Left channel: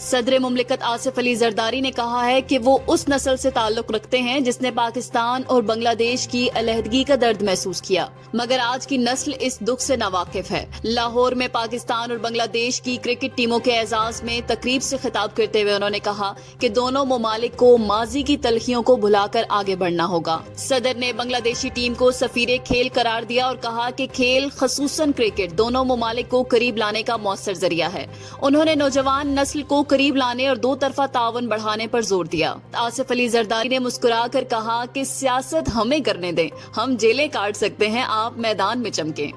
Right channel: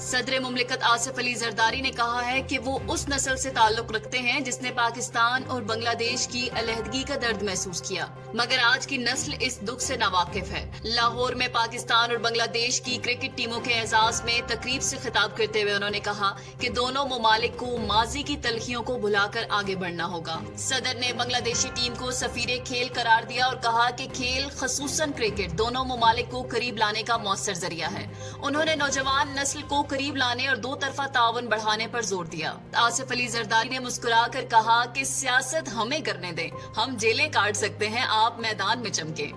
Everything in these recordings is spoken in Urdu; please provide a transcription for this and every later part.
صدر مملکت آصف علی زرداری نے کہا ہے کہ وہ اس نسل سے تعلق رکھتے ہیں جس نے پاکستان اور بنگلہ دیش کی علیحدگی کا درد محسوس کیا، مگر آج کی نسل اس دکھ سے ناواقف ہے۔ لاہور میں پاکستان اور بنگلہ دیش کی کرکٹ ٹیموں کے اعزاز میں تقریب سے خطاب کرتے ہوئے انہوں نے کہا کہ دونوں ممالک کو ماضی کی تلخیوں کو بھلا کر آگے بڑھنا ہوگا۔ صدر نے بنگلہ دیشی ٹیم کو سفیر کھیل قرار دیا اور کہا کہ کھیل خصوصاً کرکٹ دونوں ممالک کو قریب لانے کا مؤثر ذریعہ ہے۔ انہوں نے نوجوان نسل کو قریب لانے اور دو طرفہ تعاون بڑھانے پر زور دیا۔ آصف علی زرداری نے مسکرا کر کہا کہ سیاست ہمیں کرنے دیں، ہم جیلیں کاٹ سکتے ہیں، آپ میدان میں چمکیں۔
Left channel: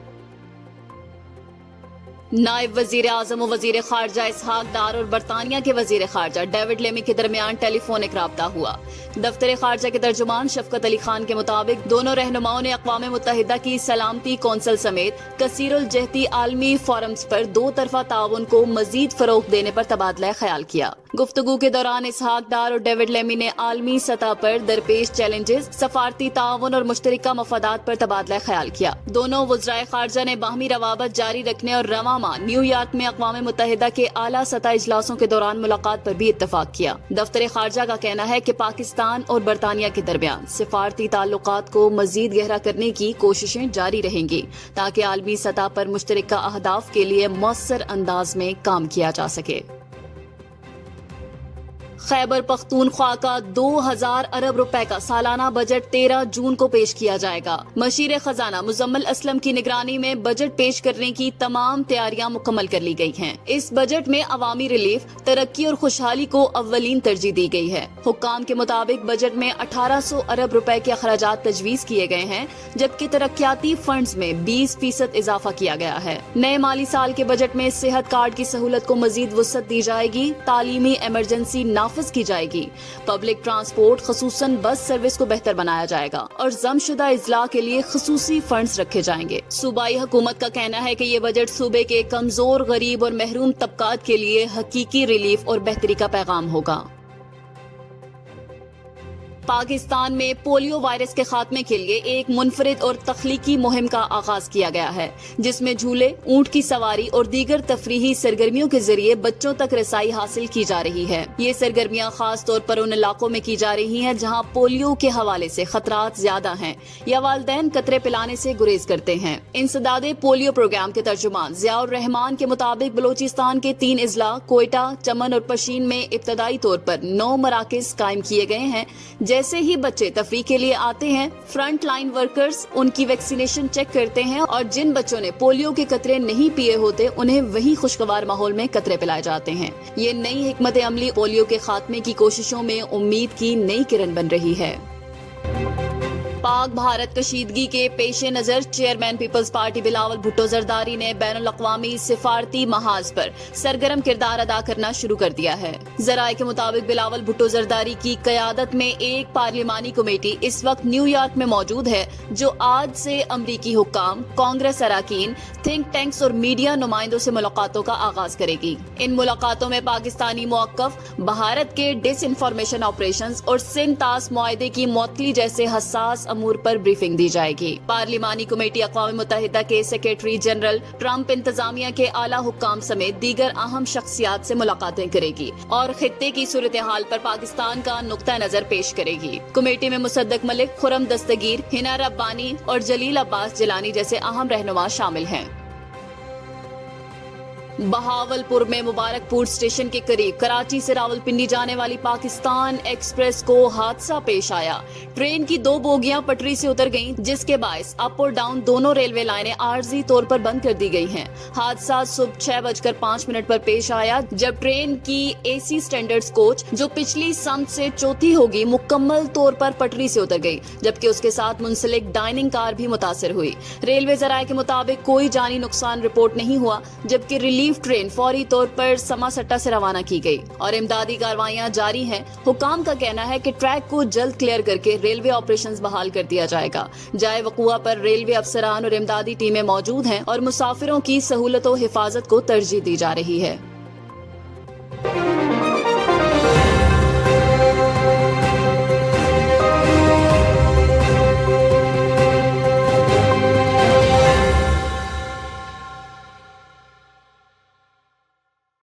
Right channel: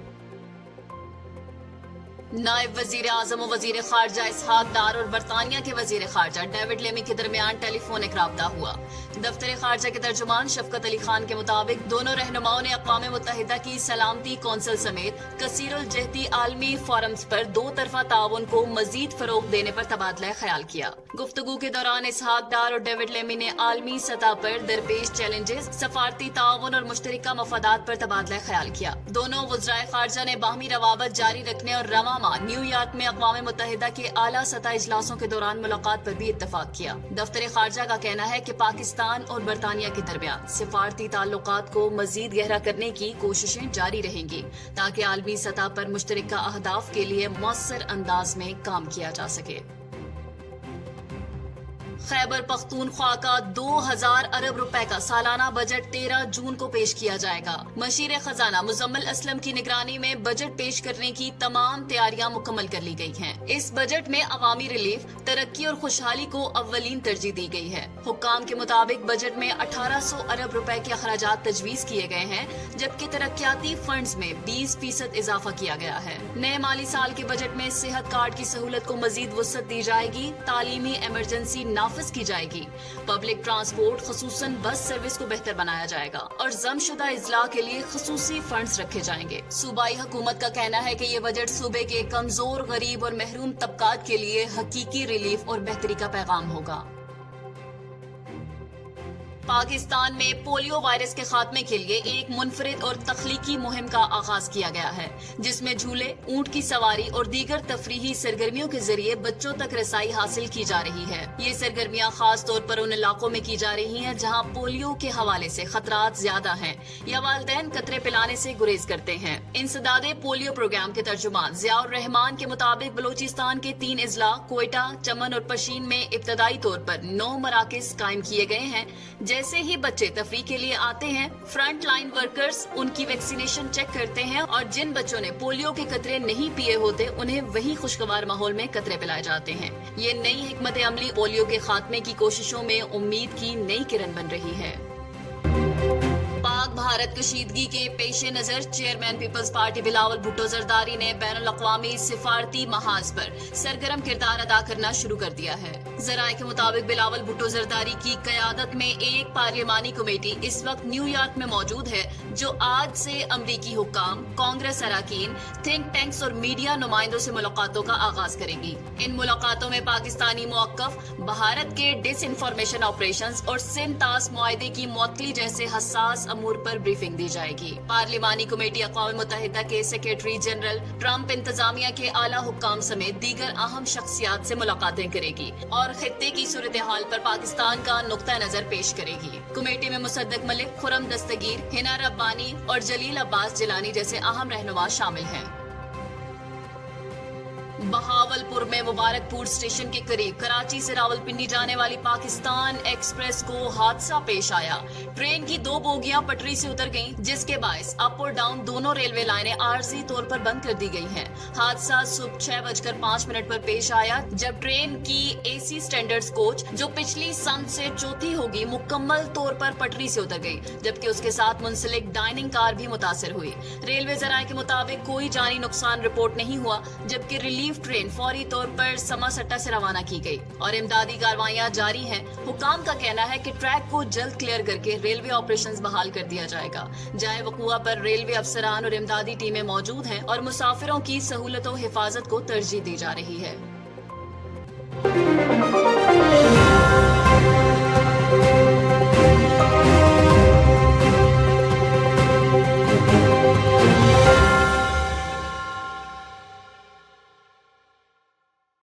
نائب وزیر اعظم و وزیر خارجہ اسحاق ڈار اور برطانیہ کے وزیر خارجہ ڈیوڈ لیمی کے درمیان ٹیلی فونک رابطہ ہوا۔ دفتر خارجہ کے ترجمان شفقت علی خان کے مطابق دونوں رہنماؤں نے اقوام متحدہ کی سلامتی کونسل سمیت کثیر الجہتی عالمی فورمز پر دو طرفہ تعاون کو مزید فروغ دینے پر تبادلہ خیال کیا۔ گفتگو کے دوران اسحاق ڈار اور ڈیوڈ لیمی نے عالمی سطح پر درپیش چیلنجز، سفارتی تعاون اور مشترکہ مفادات پر تبادلہ خیال کیا۔ دونوں وزرائے خارجہ نے باہمی روابط جاری رکھنے اور رواں ماہ نیو یارک میں اقوام متحدہ کے اعلیٰ سطح اجلاسوں کے دوران ملاقات پر بھی اتفاق کیا۔ دفتر خارجہ کا کہنا ہے کہ پاکستان اور برطانیہ کے درمیان سفارتی تعلقات کو مزید گہرا کرنے کی کوششیں جاری رہیں گی تاکہ عالمی سطح پر مشترکہ اہداف کے لیے مؤثر انداز میں کام کیا جا سکے۔ خیبر پختونخوا کا 2000 ارب روپے کا سالانہ بجٹ 13 جون کو پیش کیا جائے گا۔ مشیر خزانہ مزمل اسلم کی نگرانی میں بجٹ پیش کرنے کی تمام تیاریاں مکمل کر لی گئی ہیں۔ اس بجٹ میں عوامی ریلیف، ترقی اور خوشحالی کو اولین ترجیح دی گئی ہے۔ حکام کے مطابق بجٹ میں 1800 ارب روپے کے اخراجات تجویز کیے گئے ہیں، جبکہ ترقیاتی فنڈز میں 20% اضافہ کیا گیا ہے۔ نئے مالی سال کے بجٹ میں صحت کارڈ کی سہولت کو مزید وسعت دی جائے گی، تعلیمی ایمرجنسی نافذ کی جائے گی، پبلک ٹرانسپورٹ خصوصاً بس سروس کو بہتر بنایا جائے گا اور ضم شدہ اضلاع کے لیے خصوصی فنڈز رکھے جائیں گے۔ صوبائی حکومت کا کہنا ہے کہ یہ بجٹ صوبے کے کمزور، غریب اور محروم طبقات کے لیے حقیقی ریلیف اور بہتری کا پیغام ہوگا۔ پاکستان میں پولیو وائرس کے خاتمے کے لیے ایک منفرد اور تخلیقی مہم کا آغاز کیا گیا ہے، جس میں جھولے، اونٹ کی سواری اور دیگر تفریحی سرگرمیوں کے ذریعے بچوں تک رسائی حاصل کی جا رہی ہے۔ یہ سرگرمیاں خاص طور پر ان علاقوں میں کی جا رہی ہیں جہاں پولیو کے حوالے سے خطرات زیادہ ہیں یا والدین قطرے پلانے سے گریز کرتے ہیں۔ انسداد پولیو پروگرام کے ترجمان ضیاء الرحمان کے مطابق بلوچستان کے 3 اضلاع کوئٹہ، چمن اور پشین میں ابتدائی طور پر 9 مراکز قائم کیے گئے ہیں۔ جیسے ہی بچے تفریح کے لیے آتے ہیں، فرنٹ لائن ورکرز ان کی ویکسینیشن چیک کرتے ہیں اور جن بچوں نے پولیو کے قطرے نہیں پیے ہوتے انہیں وہی خوشگوار ماحول میں قطرے پلائے جاتے ہیں۔ یہ نئی حکمت عملی پولیو کے خاتمے کی کوششوں میں امید کی نئی کرن بن رہی ہے۔ پاک بھارت کشیدگی کے پیش نظر چیئرمین پیپلز پارٹی بلاول بھٹو زرداری نے بین الاقوامی سفارتی محاذ پر سرگرم کردار ادا کرنا شروع کر دیا ہے۔ ذرائع کے مطابق بلاول بھٹو زرداری کی قیادت میں ایک پارلیمانی کمیٹی اس وقت نیو یارک میں موجود ہے جو آج سے امریکی حکام، کانگریس اراکین، تھنک ٹینکس اور میڈیا نمائندوں سے ملاقاتوں کا آغاز کرے گی۔ ان ملاقاتوں میں پاکستانی موقف، بھارت کے ڈس انفارمیشن آپریشنز اور سندھ طاس معاہدے کی معطلی جیسے حساس امور پر بریفنگ دی جائے گی۔ پارلیمانی کمیٹی اقوام متحدہ کے سیکریٹری جنرل، ٹرمپ انتظامیہ کے اعلیٰ حکام سمیت دیگر اہم شخصیات سے ملاقاتیں کرے گی اور خطے کی صورتحال پر پاکستان کا نقطہ نظر پیش کرے گی۔ کمیٹی میں مصدق ملک، خرم دستگیر، ہنا ربانی اور جلیل عباس جیلانی جیسے اہم رہنما شامل ہیں۔ بہاولپور میں مبارک پور اسٹیشن کے قریب کراچی سے راولپنڈی جانے والی پاکستان ایکسپریس کو حادثہ پیش آیا۔ ٹرین کی 2 بوگیاں پٹری سے اتر گئیں، جس کے باعث اپ اور ڈاؤن دونوں ریلوے لائنیں عارضی طور پر بند کر دی گئی ہیں۔ حادثہ صبح 6:05 پر پیش آیا جب ٹرین کی اے سی اسٹینڈرڈ کوچ جو پچھلی سمت سے چوتھی ہوگی مکمل طور پر پٹری سے اتر گئی، جبکہ اس کے ساتھ منسلک ڈائننگ کار بھی متاثر ہوئی۔ ریلوے ذرائع کے مطابق کوئی جانی نقصان رپورٹ نہیں ہوا، جبکہ ریلیف ٹرین فوری طور پر سما سٹا سے روانہ کی گئی اور امدادی کارروائیاں جاری ہیں۔ حکام کا کہنا ہے کہ ٹریک کو جلد کلیئر کر کے ریلوے آپریشنز بحال کر دیا جائے گا۔ جائے وقوع پر ریلوے افسران اور امدادی ٹیمیں موجود ہیں اور مسافروں کی سہولت و حفاظت کو ترجیح دی جا رہی ہے۔